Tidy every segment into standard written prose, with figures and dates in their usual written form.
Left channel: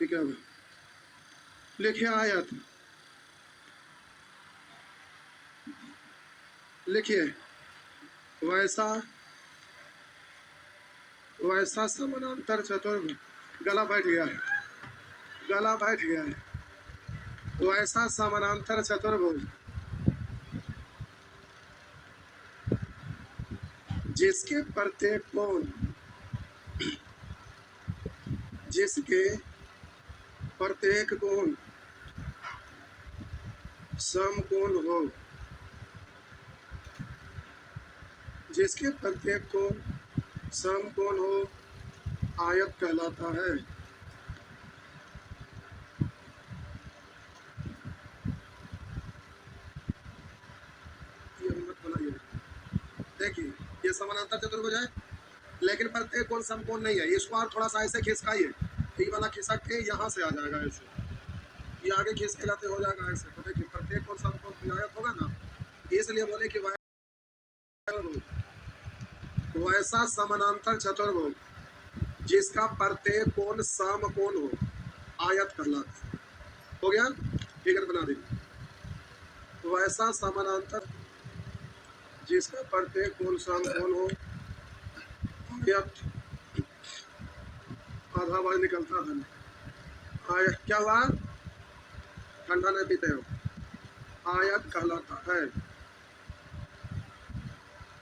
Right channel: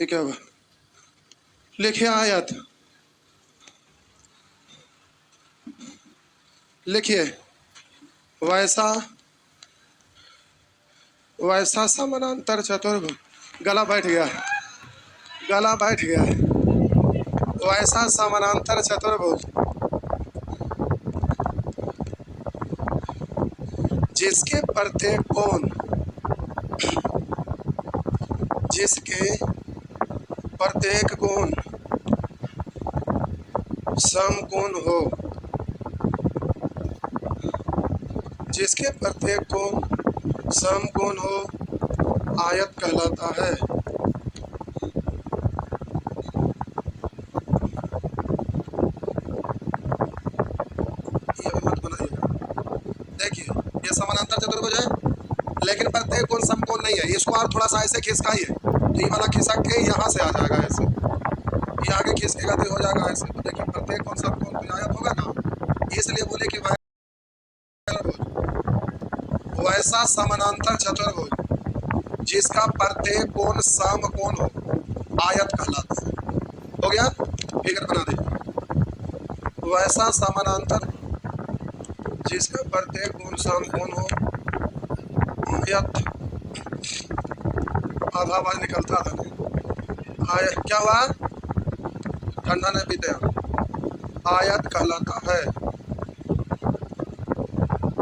ठीक है, लिखिए आयत, लिखिए वैसा वैसा समानांतर चतुर्भुज, गला बैठ गया है, गला बैठ गया है। वैसा समानांतर चतुर्भुज जिसके प्रत्येक कोण समकोण हो, जिसके प्रत्येक कोण समकोण हो आयत कहलाता है। ये भी मत बनाइएगा। देखिए ये समानांतर चतुर्भुज है, लेकिन प्रत्येक कोण समकोण नहीं है। इसको आप थोड़ा सा ऐसे खिसकाइए तो ये वाला खिसक के यहाँ से आ जाएगा, ऐसे ये आगे खिसकेगा तो हो जाएगा ऐसे। तो देखिए प्रत्येक कोण समकोण तो आयत होगा ना, इसलिए बोले कि वैसा समानांतर चतुर्भुज जिसका प्रत्येक कोण समकोण हो आयत कहलाता है। हो गया, फिगर बना दे। वैसा समानांतर जिसका प्रत्येक कोण समकोण हो आयत, आधा आवाज निकलता था नहीं। आयत क्या हुआ, ठंडा नहीं पीते हैं, आयत कहलाता है।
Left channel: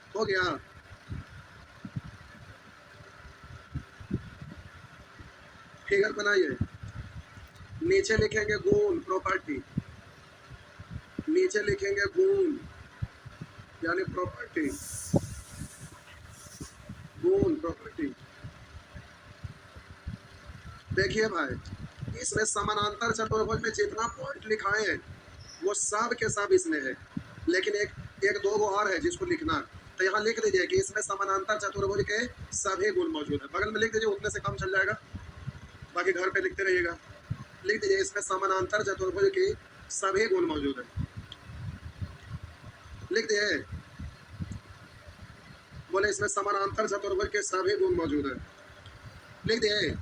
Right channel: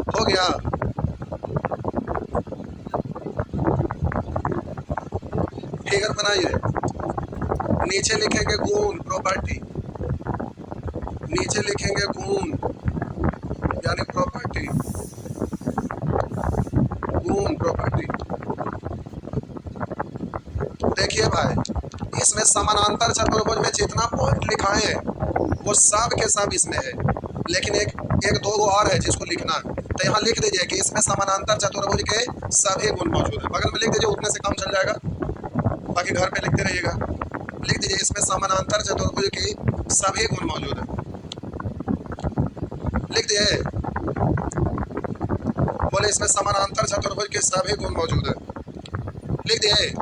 हो गया, फिगर बनाइए। नीचे लिखेंगे गुण प्रॉपर्टी, नीचे लिखेंगे गुण यानी प्रॉपर्टी, गुण प्रॉपर्टी। देखिए भाई, इसमें समानांतर चतुर्भुज में जितना पॉइंट लिखाए हैं वो सब के सब इसमें है, लेकिन एक दो गो और है जिसको लिखना है। तो यहाँ लिख दीजिए कि इसमें समानांतर चतुर्भुज के सभी गुण मौजूद है। बगल में लिख दीजिए, उतने से काम चल जाएगा, बाकी घर पे लिखते रहिएगा। लिख दीजिए इसमें समानांतर चतुर्भुज की सभी गुण मौजूद है। लिख दिए, बोले इसमें समानांतर चतुर्भुज के सभी गुण मौजूद है। लिख दिए,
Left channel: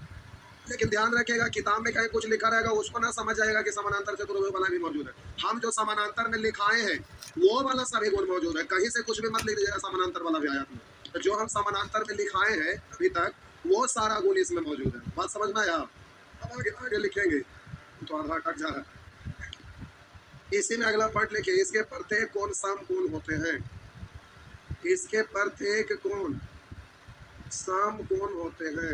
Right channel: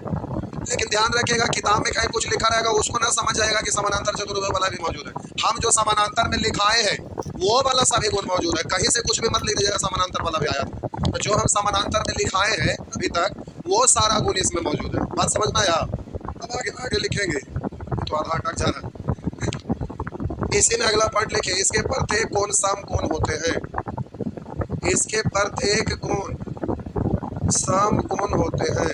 लेकिन ध्यान रखिएगा किताब में कहीं कुछ लिखा रहेगा उसको ना समझ जाएगा कि समानांतर चतुर्भुज वाला भी मौजूद है। हम जो समानांतर में लिखाए हैं वो वाला सभी गुण मौजूद है, कहीं से कुछ भी मत लिख दीजिएगा समानांतर वाला भी आया। तो जो हम समानांतर में लिखाए हैं अभी तक वो सारा गुण इसमें मौजूद है। बात समझना यार, अब आगे आगे लिखेंगे तो आधा अटक जा रहा है। इसी में अगला पॉइंट लिखिए, इसके प्रत्येक कोण समकोण होते हैं, इसके प्रत्येक कोण समकोण होते हैं,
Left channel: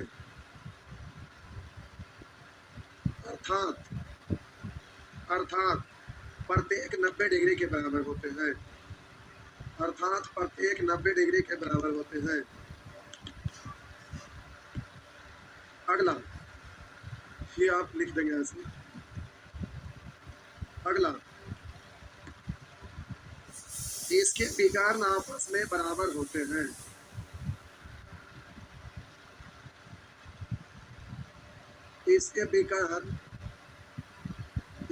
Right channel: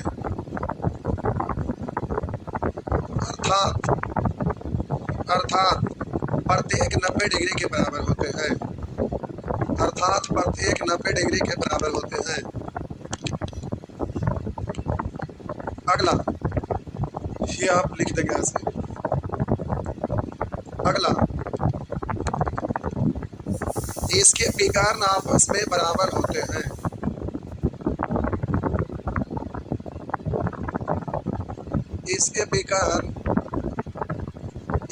अर्थात प्रत्येक 90 डिग्री के बराबर होते हैं, अर्थात प्रत्येक 90 डिग्री के बराबर होते हैं। अगला ये आप लिख देंगे ऐसे। अगला, इसके विकर्ण आपस में बराबर होते हैं,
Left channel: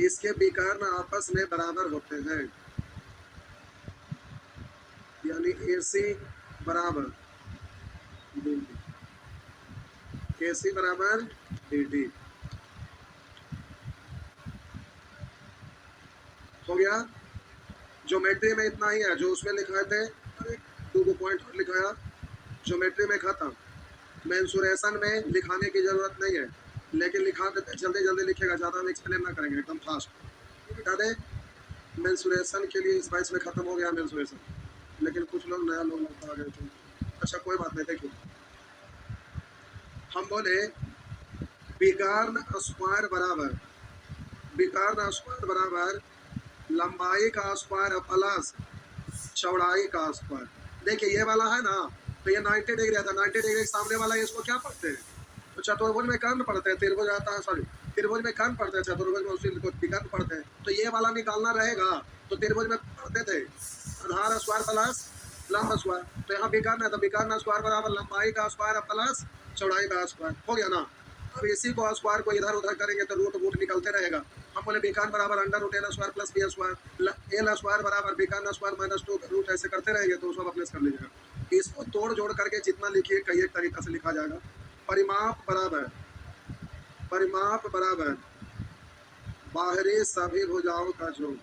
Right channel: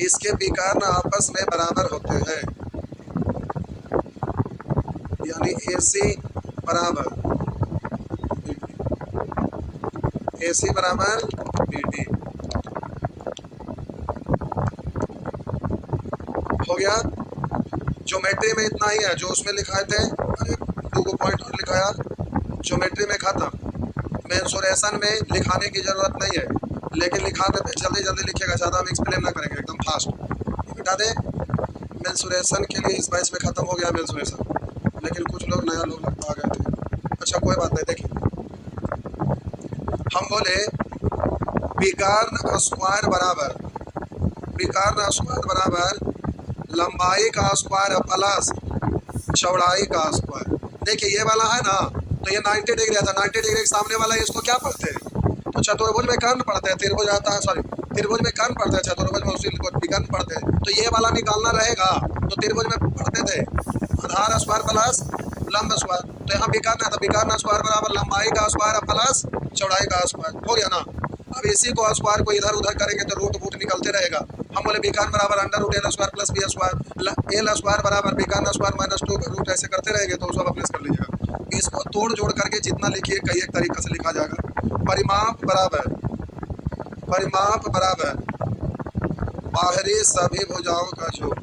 इसके विकर्ण आपस में बराबर होते हैं, यानी AC बराबर BD। हो गया, ज्योमेट्री में इतना ही है जो उसमें लिखाए थे। अरे 2 पॉइंट और लिखाया, ज्योमेट्री में खत्म। मेंसुरेशन में लिखाने की जरूरत नहीं है, लेकिन लिखा देते जल्दी जल्दी लिखेगा, ज़्यादा हम एक्सप्लेन ना करेंगे, एकदम फास्ट बता दे। मेंसुरेशन के लिए इस बाइस में ख़त्म हो गया मेंसुरेशन, लेकिन कुछ लोग नया लोग लगता आ गए थे। अच्छा कोई बात नहीं, देखिए हम बोले विकर्ण स्क्वायर बराबर लंबाई का स्क्वायर प्लस चौड़ाई का स्क्वायर। देखिए ये वाला है ना, तो ये 90 डिग्री आता है, 90 डिग्री के सामने वाला इसको क्या पढ़ते हैं, तो चतुर्भुज में कर्ण पढ़ते हैं, त्रिभुज आता है, सॉरी त्रिभुज में कर्ण पढ़ते हैं, चतुर्भुज में उसी को विकर्ण पढ़ते हैं। तो ये वाला निकालना रहेगा, तो त्रिभुज में पढ़ते थे आधार स्क्वायर प्लस लंब स्क्वायर, तो यहाँ विकर्ण है तो विकर्ण स्क्वायर बराबर लंबाई का स्क्वायर प्लस चौड़ाई का स्क्वायर। हो गया ना। अब इसी को स्क्वायर को इधर उधर करेंगे तो रूट निकलते रहेगा। हम बोले विकर्ण बराबर under root l square plus b square, l square बराबर विकर्ण स्क्वायर माइनस 2 रूट, ऐसे करते रहेंगे तो सब अप्रेस कर लीजिएगा। इसको तोड़ जोड़ करके जितना लिखिए कई एक तरीका से लिखा जाएगा। परिमाप बराबर परिमाप बराबर बाहरी सभी भुजाओं का योग,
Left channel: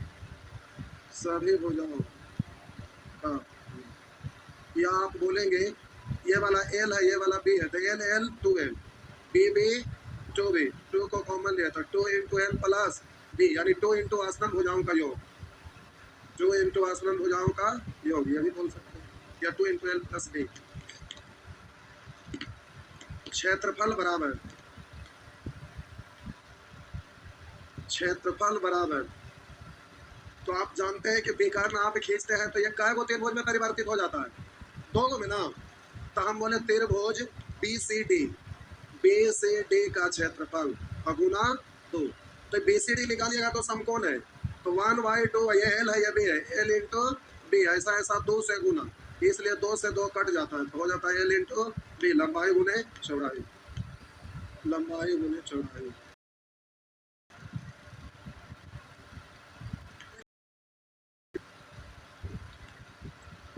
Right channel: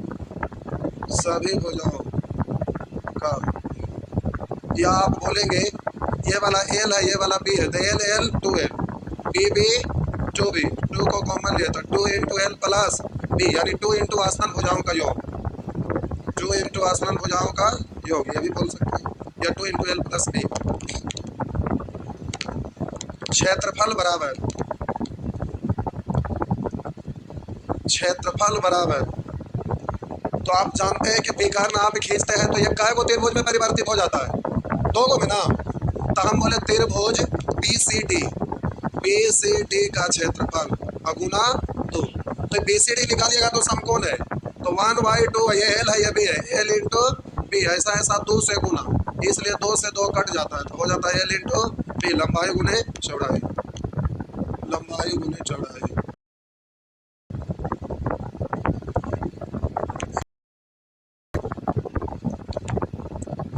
सभी भुजाओं का। या आप बोलेंगे ये वाला एल है, ये वाला बी है, तो L L 2l, B B 2b, 2 को कॉमन लिया तो 2 इंटू एल प्लस बी, यानी 2 इंटू आसमान भुजाओं का योग, 2 इंटू आसमान भुजाओं का योग, ये भी बोल सकते हैं, या 2 इंटू एल प्लस बी। क्षेत्रफल बराबर, क्षेत्रफल बराबर, तो आप जानते हैं कि विकर्ण आप खींचते हैं तो ये काय को त्रिभुज में परिवर्तित हो जाता है, दो को में ना, तो हम बोले त्रिभुज बी सी डी का क्षेत्रफल अगुना 2, तो बी सी डी निकालिएगा तो समकोण है, तो 1/2, ये एल है, ये बी है, एल इंटू बी, ऐसा ऐसा 2 से गुना, इसलिए 2 से 2 कट जाता है, तो हो जाता है एल इंटू बी, लंबाई गुने चौड़ाई, लंबाई गुने चौड़ाई।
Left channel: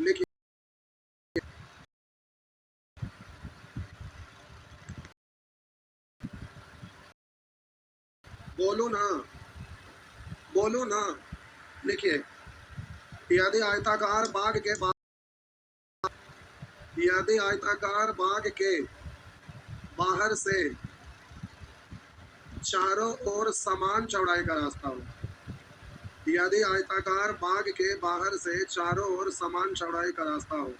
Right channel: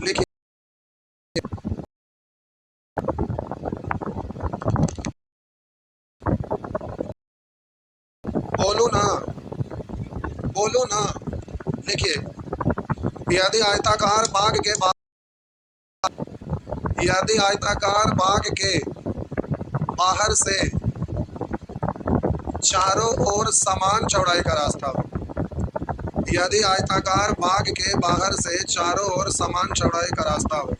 लिखिए, बोलो ना, बोलो ना, लिखिए, यदि आयताकार बाग के यदि आयताकार बाग के बाहर से चारों ओर समान चौड़ाई का रास्ता हो, यदि आयताकार बाग के बाहर से चारों ओर समान चौड़ाई का रास्ता हो,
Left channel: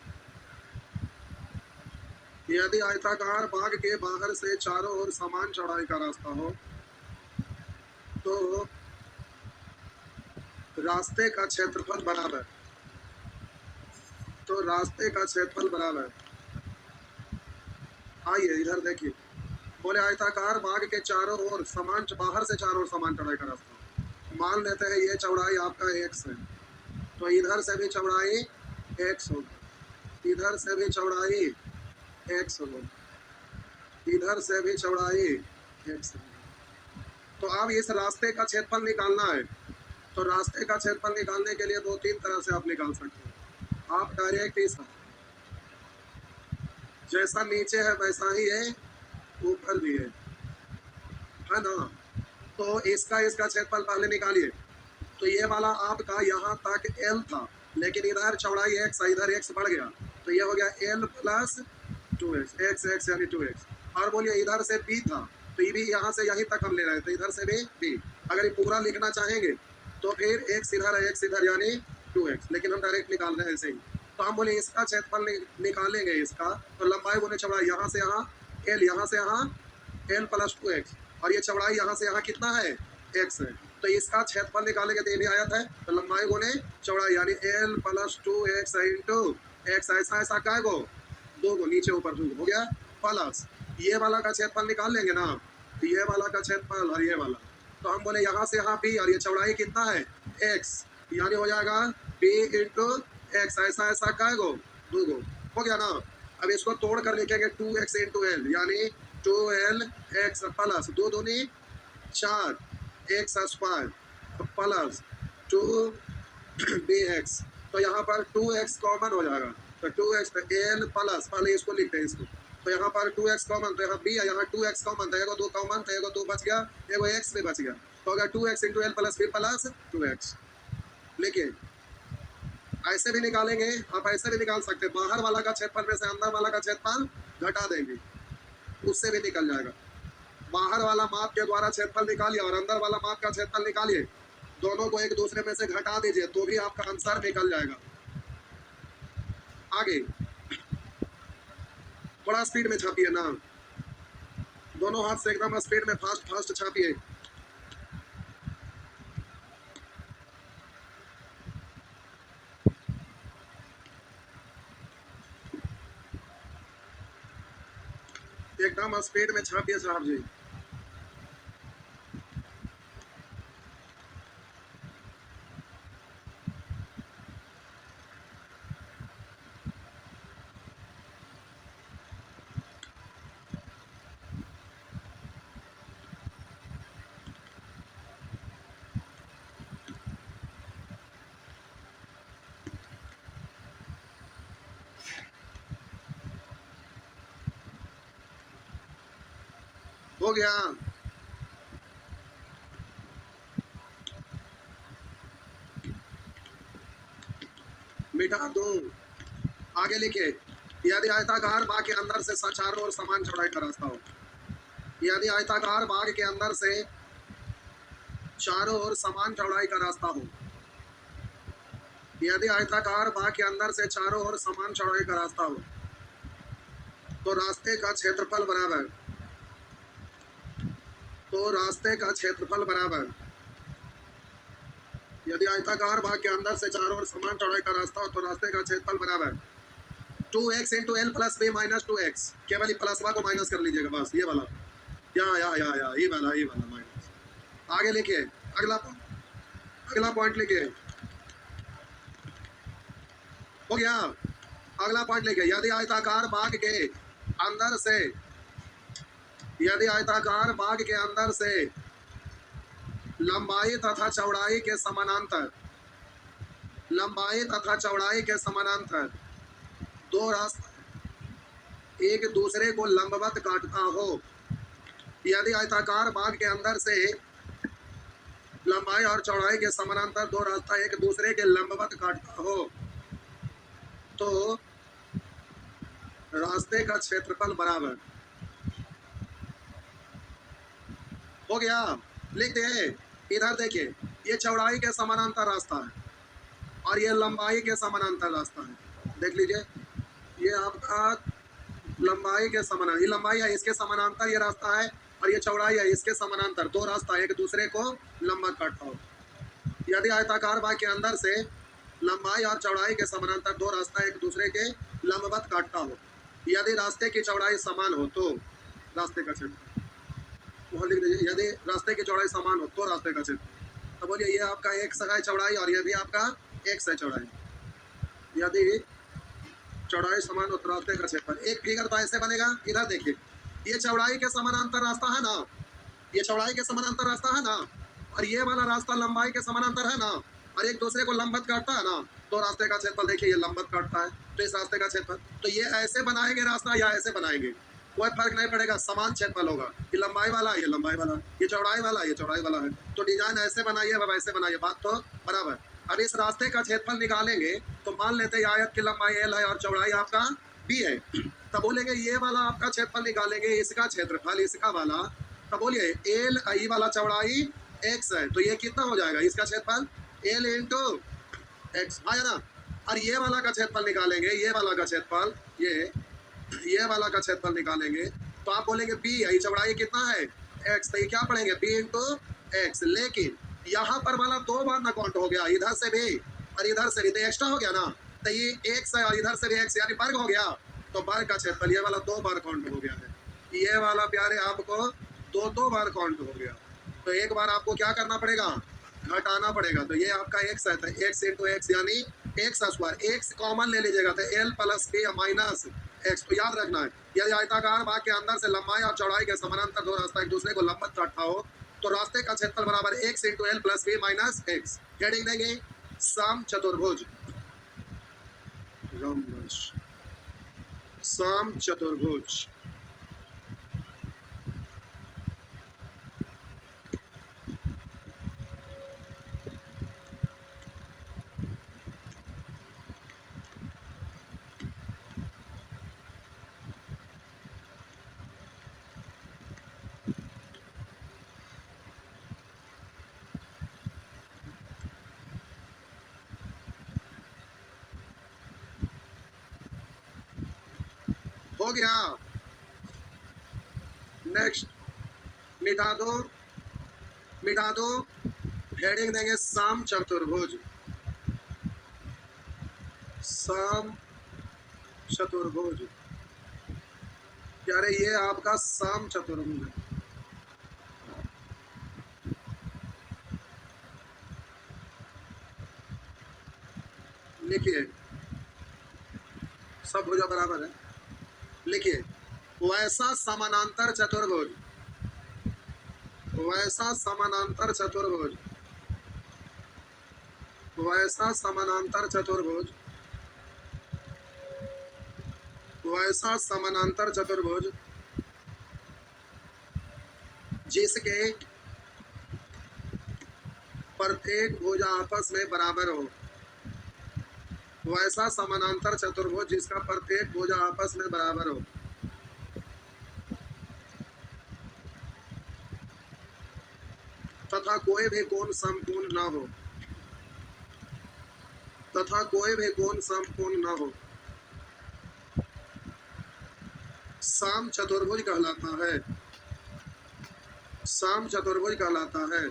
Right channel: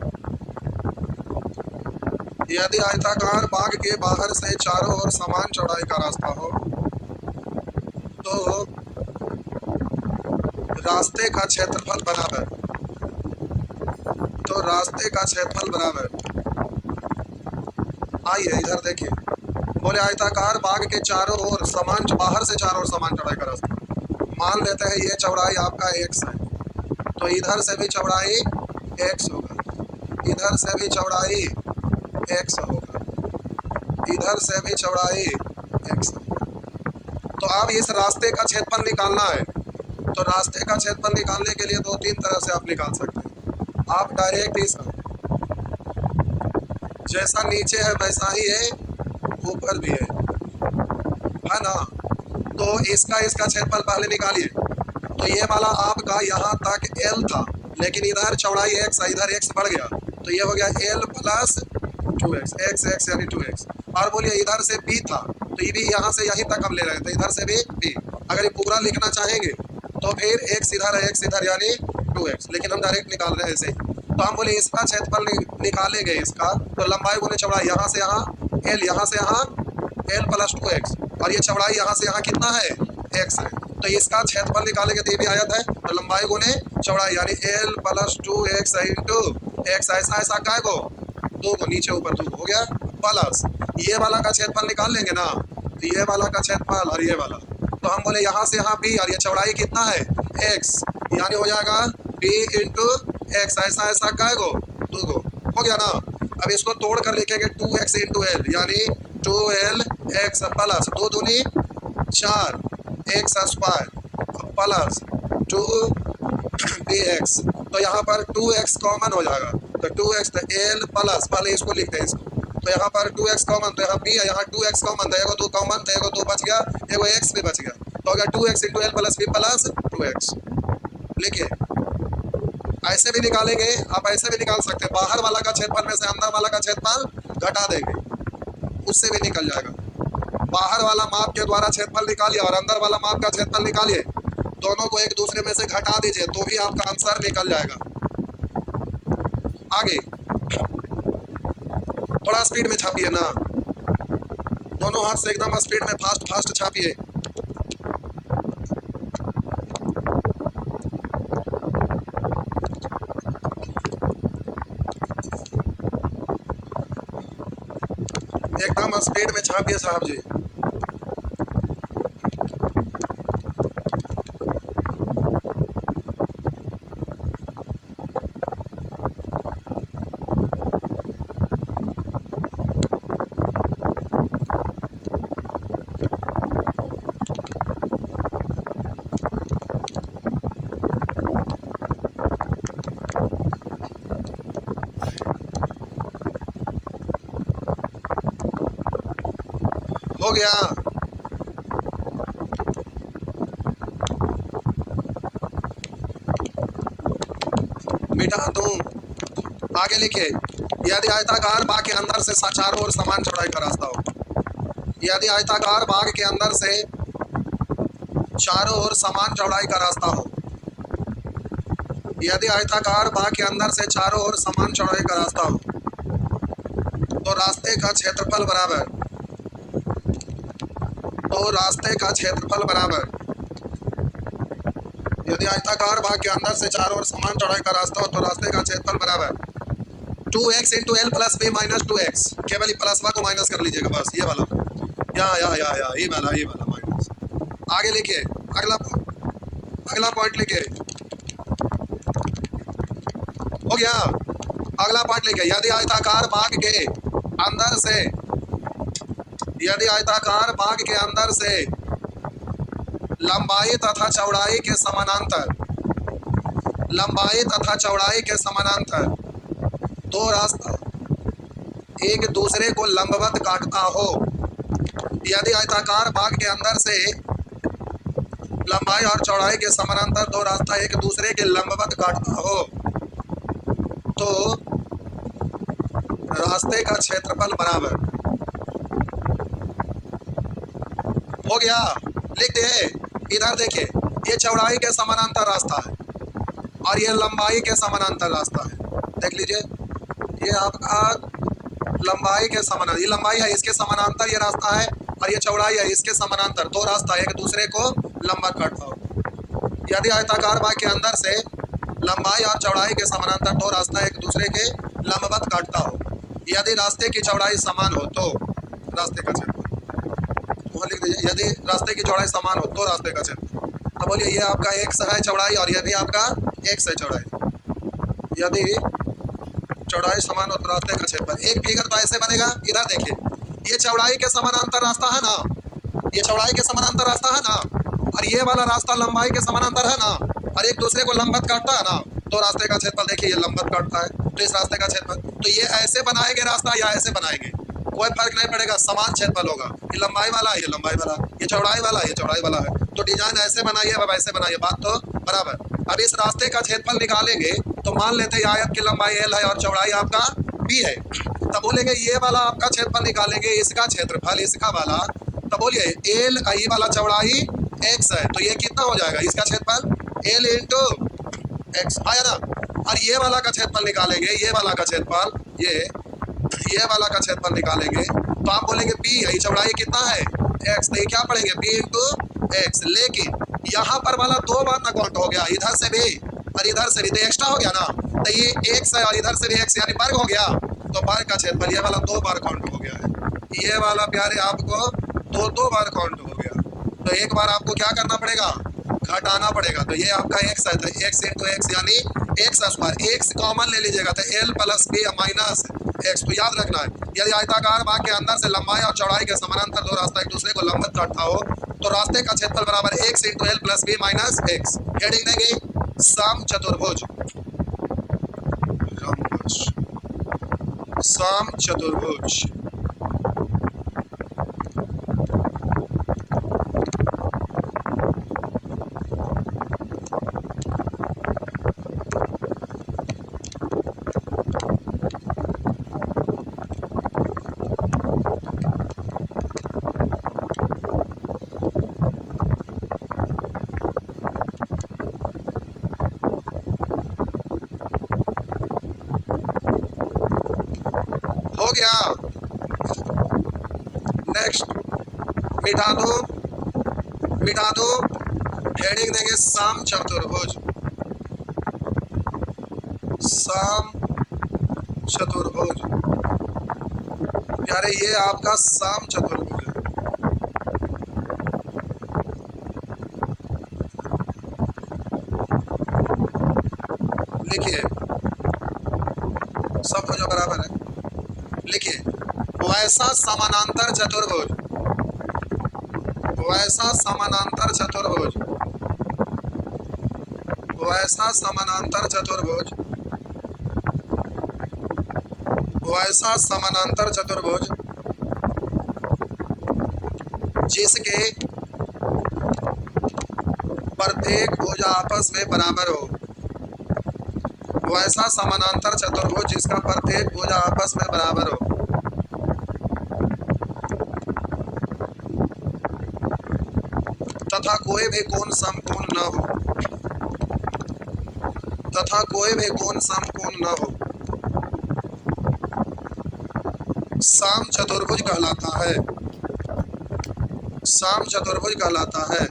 यदि आयताकार बाग के बाहर से चारों ओर समान चौड़ाई का रास्ता हो, तो रास्ते का क्षेत्रफल बराबर, तो रास्ते का क्षेत्रफल बराबर, आइए इधर देखिए, बोले आयताकार बाग के चारों ओर समान, बाहर से चारों ओर समान चौड़ाई का रास्ता, मान लेते हैं ये चौड़ाई आपका x है, तो इधर से भी चौड़ाई x होगा, इधर से भी चौड़ाई x होगा, इधर से भी चौड़ाई x होगा। तो अब इस रास्ते का क्षेत्रफल निकालना है, तो रास्ते का क्षेत्रफल निकालने के लिए 2-3 तरह से आप निकाल सकते हैं। आप डायरेक्ट इस जैसा नीचे है वैसा ही है, ऊपर भी है ना, तो इसका क्षेत्रफल पहले निकालिए, तो ये वाला आपका यहाँ तक L था, लेकिन इधर चौड़ाई x है, इधर x बढ़ गया, तो ये हो गया L प्लस 2x, x यानी 2x, और बोलिए इधर से b था, तो ये भी यहाँ से यहीं तक हम ले रहे थे, इधर से भी b, अगर ये पूरा लिखना चाहेंगे तो फिर x इधर है, x इधर यानी 2x, लेकिन हम डायरेक्ट निकाल रहे हैं ऐसे ही, तो हम बोले इसका क्षेत्रफल निकालेंगे इसका, तो लंबाई गुने चौड़ाई, यहाँ से यहाँ L, यहाँ से यहाँ L प्लस 2x, और ये चौड़ाई यहाँ से यहाँ कितना है x है, तो इसका क्षेत्रफल निकालेंगे तो ये भी आयत है, तो लंबाई गुने चौड़ाई यानी L plus 2x into x, ऐसा ऐसा काय को 2 को नीचे ऊपर 2 हो गया, प्लस ये वाला का क्षेत्रफल निकाल लेंगे ना, तो ये वाला का क्षेत्रफल और ये वाला, तो हम बोले यहाँ से यहाँ b, और ये चौड़ाई कितना है x, यानी हो जाएगा b इंटू x, ऐसा ऐसा काय को 2 को हो गया ना। अब इसको तोड़ कर लिखेंगे 2x इंटू एल, यानी 2lx प्लस 2 दूनी 4 x स्क्वायर प्लस 2bx, तो यहाँ पर 2x कॉमन हो जाएगा, तो 2x, तो l प्लस, पहले इसको लिखते हैं इसको, तो यहाँ पर 2x कॉमन, तो यहाँ b है, यहाँ 2x कॉमन, तो एगो 2 कॉमन, तो एगो 2 बच गया, एगो x भी बच गया, तो हो गया 2x into l plus b plus 2x। लिखिए, ऐसे भी निकालेंगे, आप ऐसे भी निकाल सकते हैं, बाहर वाला का क्षेत्रफल में से अंदर वाला का क्षेत्रफल घटा देंगे, उससे भी निकल जाएगा, बाहर वाला माप के द्वारा क्षेत्रफल निकालिए और अंदर वाला माप का क्षेत्रफल निकालिए, दोनों को एक दूसरे में से घटा दीजिए तो भी आपका आंसर निकल जाएगा। आगे थोड़ा स्पीड में छापिए ना, दोनों हाथ से एकदम स्पीड में फास्ट फास्ट छापिए। एकदम स्पीड में छापिए साहब जी। हो गया, मिटा दूं। आगे लिखिए, यदि आयताकार भाग के अंदर से चारों ओर समान चौड़ाई का रास्ता हो, यदि आयताकार भाग के अंदर से चारों ओर समान चौड़ाई का रास्ता हो, यदि आयताकार भाग के अंदर से चारों ओर समान चौड़ाई का रास्ता हो, तो रास्ते का क्षेत्रफल बराबर, यदि आयताकार भाग के अंदर से चारों ओर समान चौड़ाई का रास्ता हो तो रास्ते का क्षेत्रफल बराबर 2x into l plus b minus 2x। केवल प्लस को माइनस कर लीजिएगा, बस ये वाला ये वाला माइनस। आगे लिखिए, अगला पॉइंट लिखिए, हो गया। अगला पॉइंट लिखिए, यदि आयताकार भाग के अंदर से लंबाई तथा चौड़ाई के समानांतर दो रास्ता एक दूसरे को लंबवत काटता हो, यदि आयताकार भाग के अंदर से लंबाई और चौड़ाई के समानांतर दो रास्ता एक दूसरे के लंबवत काटता हो, तो रास्ते का क्षेत्रफल बराबर, हो गया। लिख दे, इधर देखिए, ये चौड़ाई के समानांतर रास्ता है और ये लंबाई के समानांतर रास्ता है। देख लीजिए, ये आपका लंबाई के समानांतर, ये लंबाई है, इसके समानांतर ये रास्ता है, और ये चौड़ाई है, इसके समानांतर दो रास्ता एक दूसरे को लंबवत काटता हो। यदि आयताकार भाग के अंदर से लंबाई और चौड़ाई के समानांतर दो रास्ता एक दूसरे के लंबवत काटता हो, यदि रास्ते की चौड़ाई समान हो तो रास्ते का क्षेत्रफल, लिख दीजिए, यदि रास्ते की चौड़ाई समान हो तो रास्ते का क्षेत्रफल। तो बोलिए, ये आपका x है चौड़ाई और ये भी आपका x है चौड़ाई। यदि चौड़ाई समान हो तो रास्ते का क्षेत्रफल। एक फिगर तो ऐसे बनेगा, इधर देखिए, ये चौड़ाई के समानांतर रास्ता है ना, ये चौड़ाई के समानांतर रास्ता है ना, और ये वाला रास्ता लंबाई के समानांतर है ना, और एक दूसरे को लंबवत काटता है ना, तो रास्ते का क्षेत्रफल देखिए, ये लंबवत काटता है तो इस रास्ते का क्षेत्रफल। तो ये ऐसे बनाएंगे रास्ता या ऐसे बनाएंगे, कोई फर्क नहीं पड़ेगा, समान क्षेत्रफल होगा। ये लंबाई वाला, ये लंबाई वाला, ये चौड़ाई वाला, ये चौड़ाई वाला है। तो डिजाइन ऐसे बनाइए, अब ऐसे बनाइए, बात तो बराबर। अब इस रास्ते का क्षेत्रफल निकालेंगे तो मान लेते हैं आयत की लंबाई l है और चौड़ाई आपका b है। तब बोलेंगे ये वाला आपका क्षेत्रफल निकालेंगे, इसका क्षेत्रफल इसका वाला, तब बोलिए l ई वाला चौड़ाई x है, तो ये कितना हो जाएगा, इसका क्षेत्रफल l इंटू x आया ना। और ये वाला का क्षेत्रफल निकालेंगे, ये वाला का क्षेत्रफल, ये वाला का क्षेत्रफल निकालेंगे तो आप बोलेंगे b है, चौड़ाई कितना है x, तो ये क्या पढ़ेंगे b इंटू x। लेकिन यहाँ पर वाला दो बार ना काउंट हो गया, इधर से भी और इधर से भी, तो एक्स्ट्रा हो गया ना, तो ये x है और इधर से भी x, यानी वर्ग हो गया, तो वर्ग का क्षेत्रफल ये वाला दो बार काउंट हो गया है, ये वाला प्यारे आपको दो बार काउंट हो गया। तो एक बार आपको क्या करना पड़ेगा, घटाना पड़ेगा। तो ये आपका x है, तो x इंटू x यानी x स्क्वायर, x कॉमन ले लीजिएगा तो l plus b minus x। तो याद रखना है, यदि आयताकार भाग के अंदर से लंबाई और चौड़ाई के समानांतर दो रास्ता एक दूसरे को लंबवत काटता हो, तो रास्ते का क्षेत्रफल बराबर x into l plus b minus x। Heading देंगे सम चतुर्भुज, सम चतुर्भुज। हो गया, नेक्स्ट मिटा दो, हेडिंग देंगे सम चतुर्भुज, सम चतुर्भुज। प्यारे ये आपका सम चतुर्भुज है। लिखिए, सब भुजा बराबर है। लिखिए, वैसा समानांतर चतुर्भुज, वैसा समानांतर चतुर्भुज, वैसा समानांतर चतुर्भुज, वैसा समानांतर चतुर्भुज जिसके प्रत्येक भुजा आपस में बराबर हो, वैसा समानांतर चतुर्भुज जिसका प्रत्येक भुजा आपस में बराबर हो। तथा कोई भी कोण समकोण न हो। तथा कोई भी कोण समकोण न हो। साम चतुर्भुज कहलाता है। साम चतुर्भुज कहलाता है।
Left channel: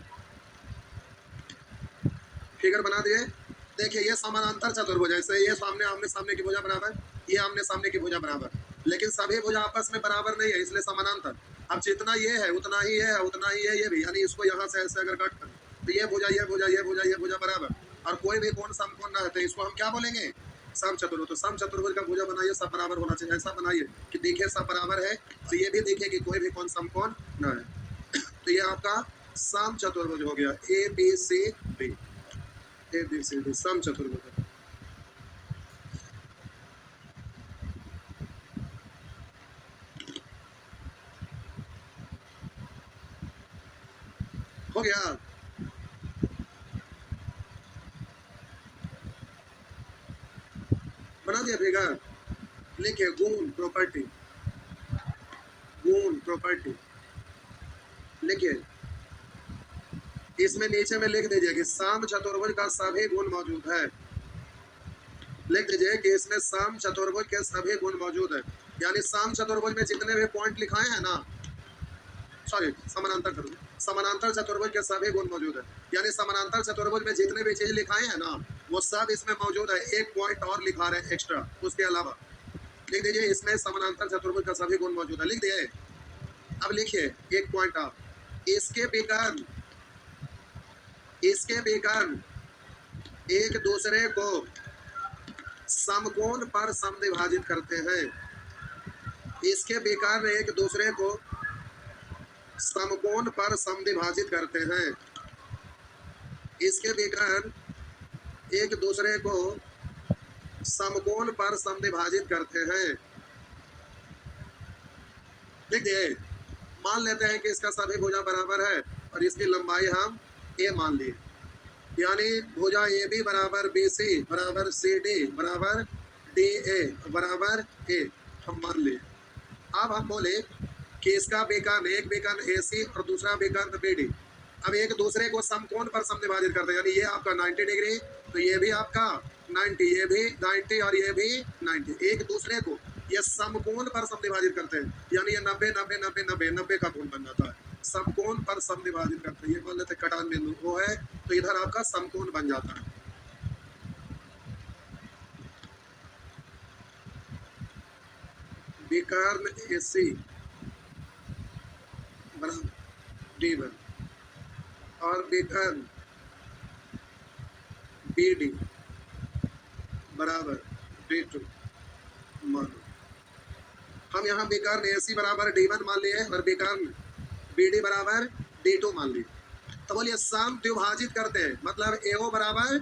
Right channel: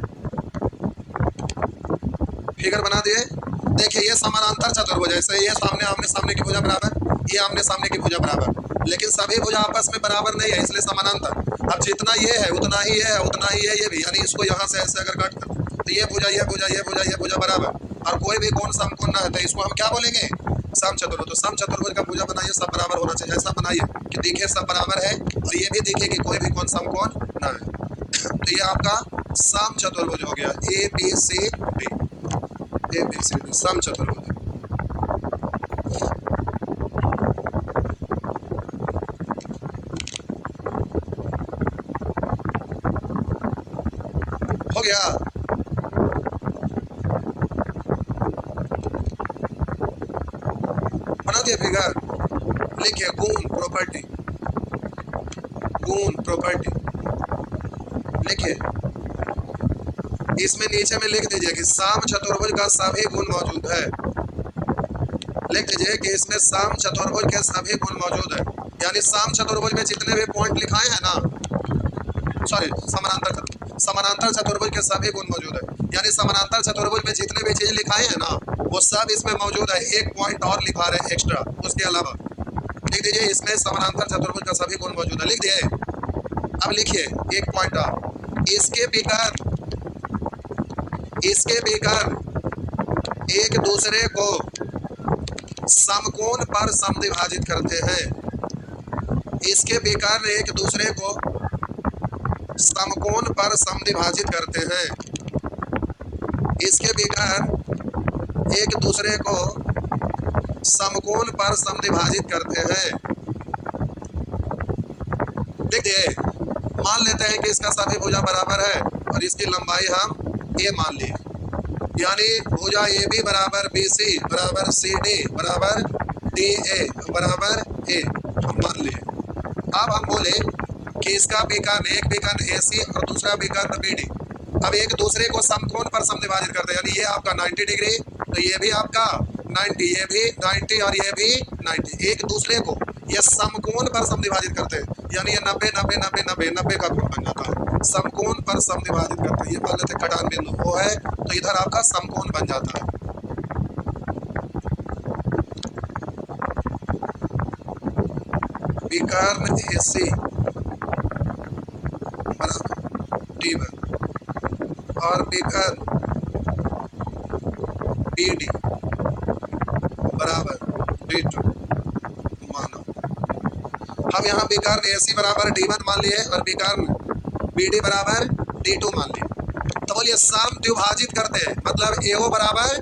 फिगर बना दिए। देखिए ये समानांतर चतुर्भुज है, ये सामने आमने सामने की भुजा बराबर, ये आमने सामने की भुजा बराबर, लेकिन सभी भुजा आपस में बराबर नहीं है, इसलिए समानांतर। अब जितना ये है उतना ही है, उतना ही है ये भी, यानी इसको यहाँ से ऐसे अगर काट कर तो ये भुजा ये भुजा ये भुजा ये भुजा बराबर, और कोई भी कोण समकोण ना है तो इसको हम क्या बोलेंगे? सम चतुर्भुज। तो सम चतुर्भुज का भुजा बनाइए सब बराबर होना चाहिए, ऐसा बनाइए कि दिखे सब बराबर है और ये भी दिखे कि कोई भी कोण समकोण ना है। तो ये आपका सम चतुर्भुज हो गया, A B C D. A B C D सम चतुर्भुज। हो गया। बना दिया फिगर। लिखिए गुण प्रॉपर्टी। गुण प्रॉपर्टी लिखिए। इसमें नीचे में लिख दीजिए कि साम चतुर्भुज का सभी गुण मौजूद है। लिख दीजिए कि इसमें साम चतुर्भुज के सभी गुण मौजूद है, यानी साम चतुर्भुज में जितने भी पॉइंट लिखाए हैं ना, सॉरी समानांतर चतुर्भुज के सभी गुण मौजूद है, यानी समानांतर चतुर्भुज में जितने भी चीज लिखाए हैं ना वो सब इसमें मौजूद है। एक पॉइंट और लिखा रहे हैं एक्स्ट्रा उसके अलावा। लिख दीजिए इसमें समानांतर चतुर्भुज का सभी गुण मौजूद है। लिख दिए। अब लिखिए एक पॉइंट और, इसके विकर्ण एक दूसरे को समकोण पर समद्विभाजित करते हैं। इसके विकर्ण एक दूसरे को समकोण पर समद्विभाजित करते हैं। इसके विकर्ण एक दूसरे को समकोण पर समद्विभाजित करते हैं। देखिए मान लेते हैं कि इसका सभी भुजा बराबर है और इसकी लंबाई हम ए मान ली, यानी भुजा ए बी बराबर बी सी बराबर सी डी बराबर डी ए बराबर ए हम मान लिए। अब हम बोले कि इसका विकर्ण एक विकर्ण ए सी और दूसरा विकर्ण बी डी अब एक दूसरे को समकोण पर समद्विभाजित करते हैं, यानी ये आपका 90 डिग्री तो ये भी आपका 90, ये भी 90 और ये भी 90, एक दूसरे को ये समकोण पर समद्विभाजित करते हैं, यानी ये 90 90 90 90 90 का कोण बन जाता है। समकोण पर समद्विभाजित करते हैं, ये मान लेते कटान बिंदु वो है तो इधर आपका समकोण बन जाता है। विकर्ण AC बराबर D1 और विकर्ण BD बराबर D2 माना। हम यहाँ विकर्ण AC बराबर D1 मान लिए और विकर्ण BD बराबर D2 मान लिए। तो बोलिए समद्विभाजित करते हैं, मतलब AO बराबर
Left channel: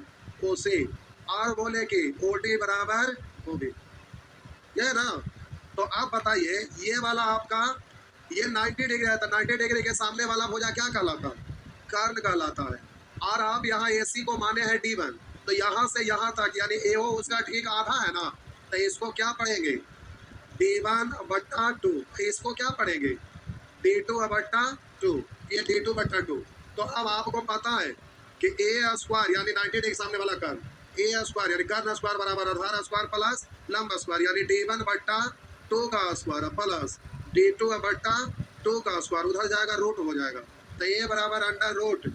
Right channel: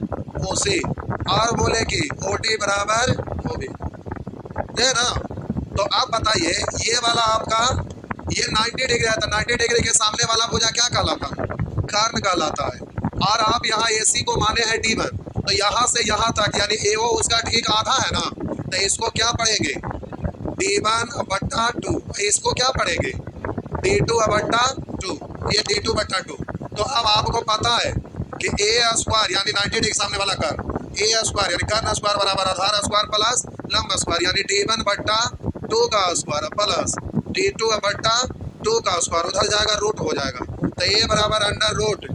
OC और बोले कि OD बराबर OB, है ना। तो आप बताइए ये वाला आपका ये 90 डिग्री है तो 90 डिग्री के सामने वाला भुजा क्या कहलाता है? कर्ण कहलाता है। और आप यहाँ AC को माने हैं D1 तो यहाँ से यहाँ तक यानी AO उसका ठीक आधा है ना, तो इसको क्या पढ़ेंगे? D1/2। इसको क्या पढ़ेंगे? D2/2, ये D2/2। तो अब आपको पता है कि A² यानी 90 डिग्री सामने वाला कर्ण, A² यानी कर्ण स्क्वायर बराबर आधार स्क्वायर प्लस लंब स्क्वायर, यानी D1/2 का स्क्वायर प्लस D2/2 का स्क्वायर, उधर जाएगा रूट हो जाएगा, तो A बराबर अंडर रूट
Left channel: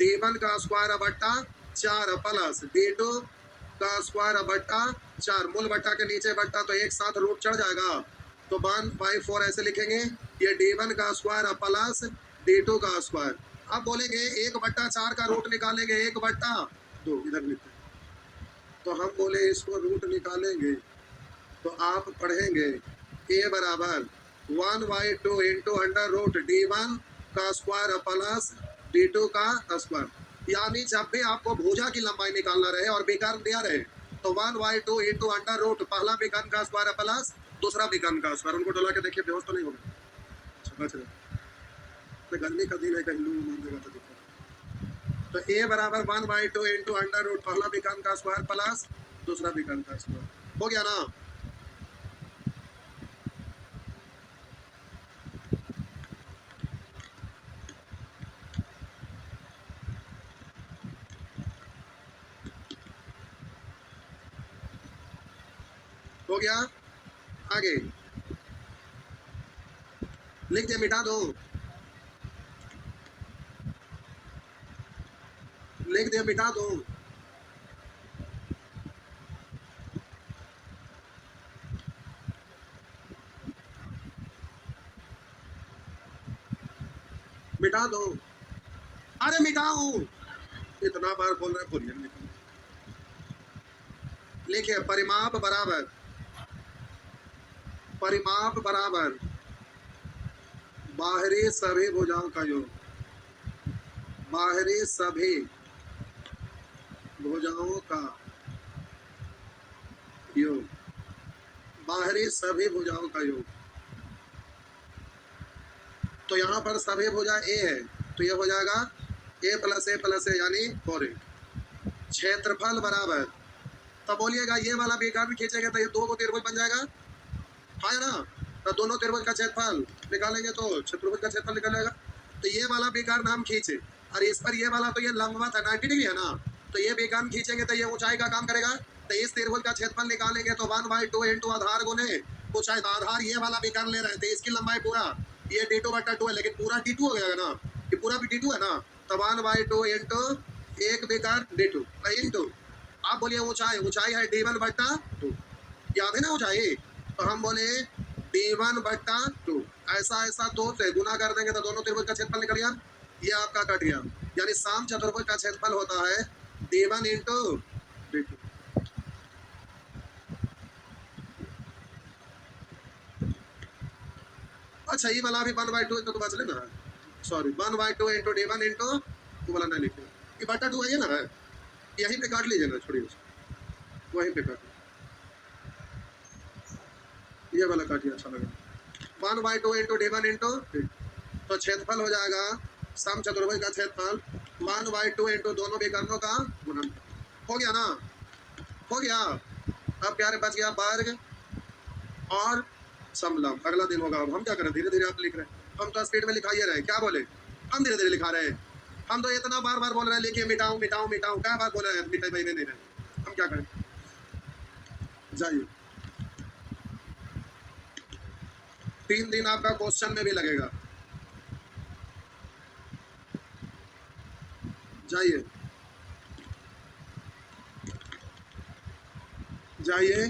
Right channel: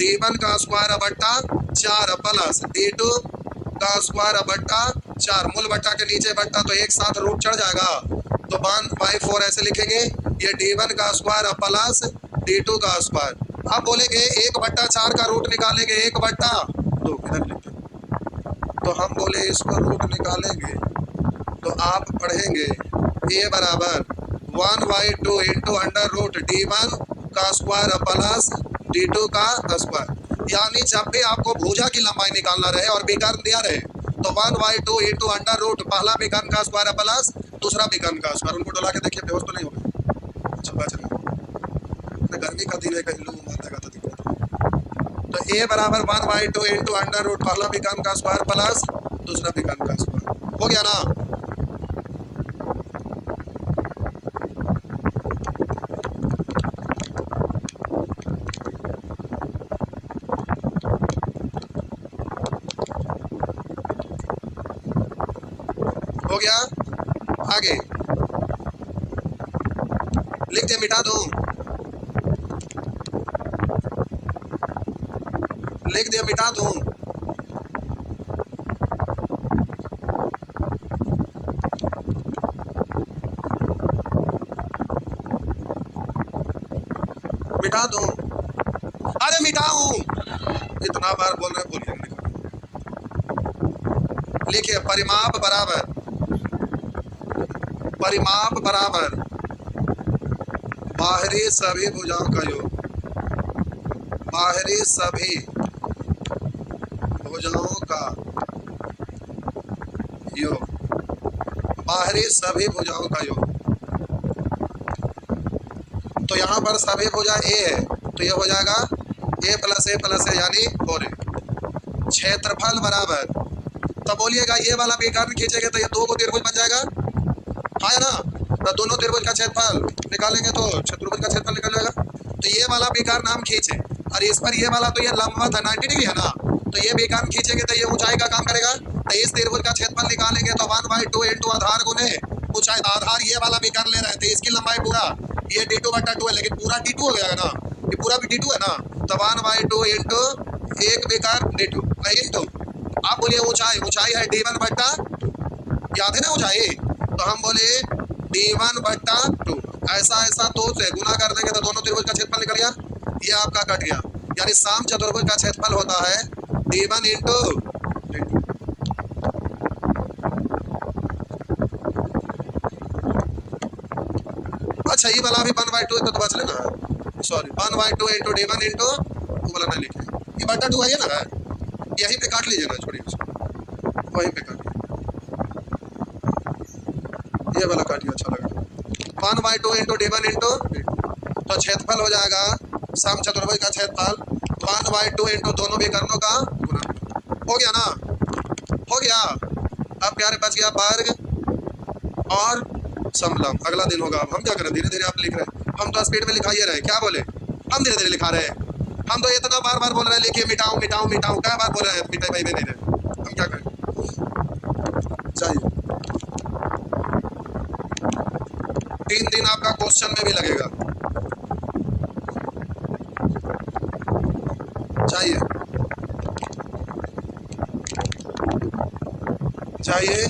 D1 का स्क्वायर/4 प्लस D2 का स्क्वायर/4, मूल बट्टा के नीचे बट्टा तो एक साथ रूट चढ़ जाएगा, तो 1/4 ऐसे लिखेंगे। ये D1 का स्क्वायर प्लस D2 का स्क्वायर। अब बोलेंगे 1/4 का रूट निकालेंगे, 1/2 इधर लिखते हैं। तो हम बोले इसको रूट निकालेंगे तो आप पढ़ेंगे A बराबर 1/2 इंटू अंडर रूट D1 का स्क्वायर प्लस D2 का स्क्वायर, यानी जब भी आपको भुजा की लंबाई निकालना रहे और विकर्ण दिया रहे तो 1/2 इंटू अंडर रूट पहला विकर्ण का स्क्वायर प्लस दूसरा विकर्ण का स्क्वायर। उनको डोला के देखिए बेहोश तो नहीं होगा, अच्छा बच रहे। गर्मी का दिन है, कहीं लू मारने तो दिक्कत। तो A बराबर 1/2 इंटू अंडर रूट पहला विकर्ण का स्क्वायर प्लस दूसरा दूसरा बेकार का स्क्वायर। हो गया ना? हो गया। आगे लिख दे, मिटा दूं? लिख दे, मिटा दूं? मिटा दूं? अरे मिटाऊं? इतना बार बोल रहे, बोलिए। लिखिए, परिमाप बराबर, परिमाप बराबर बाहरी सभी भुजाओं का योग। बाहरी सभी भुजाओं का योग। बाहरी सभी भुजाओं का योग। तो यहाँ पर सभी भुजा ए है, तो ये हो जाएगा ए प्लस ए यानी 4a। क्षेत्रफल बराबर, तो बोलिएगा ये वाला भी कर्ण खींचेंगे तो ये दो को त्रिभुज बन जाएगा, है ना? तो दोनों त्रिभुज का क्षेत्रफल निकालेंगे तो चतुर्भुज का क्षेत्रफल निकल जाएगा। तो ये वाला भी कर्ण हम खींचे और इस पर ये वाला तो ये लंबवत है 90 डिग्री है ना, तो ये भी कर्ण खींचेंगे तो ये ऊंचाई का काम करेगा। तो इस त्रिभुज का क्षेत्रफल निकालेंगे तो 1/2 इंटू आधार गुने ऊंचाई। आधार ये वाला भी कर्ण ले रहे हैं तो इसकी लंबाई पूरा ये d2/2 है, लेकिन पूरा d2 हो जाएगा ना, ये पूरा भी d2 है ना। तो 1/2 इंटू एक भी कर्ण d2 इंटू, आप बोलिए ऊंचाई, ऊंचाई है d1/2, याद है ना ऊंचाई? तो हम बोले d1/2। ऐसा ऐसा 2 से गुना कर देंगे तो दोनों त्रिभुज का क्षेत्रफल निकल गया, ये आपका कट गया। यानी साम चतुर्भुज का क्षेत्रफल होता है d1 इंटू d2। अच्छा, ये वाला भी 1/2 है तो बच लेना, सॉरी 1/2 इंटू d1 इंटू वो वाला नहीं लिखे, ये बटा 2 है ना, यहीं पे काट लीजिए ना, छोड़िए उसको, वहीं पे काट, ये वाला काटिए, अच्छा लगा। 1/2 इंटू d1 इंटू d2, तो क्षेत्रफल हो जाएगा सम चतुर्भुज का क्षेत्रफल 1/2 इंटू दोनों भी कर्णों का गुणन। हो गया ना? हो गया। अब प्यारे बच गया वर्ग और समलंब। अगला दिन होगा। अब हम क्या करें, धीरे धीरे आप लिख रहे हैं, हम तो स्पीड में लिखाइए रहे, क्या बोले? हम धीरे धीरे लिखा रहे हैं, हम तो इतना बार बार बोल रहे हैं लिखिए मिटाऊं मिटाऊं मिटाऊं, क्या बार बोल रहे हैं, मिटाई भाई में नहीं रहे, हम क्या करें? जाइए, 3 दिन आपका क्वेश्चन में भी लगेगा। जाइए जाइए।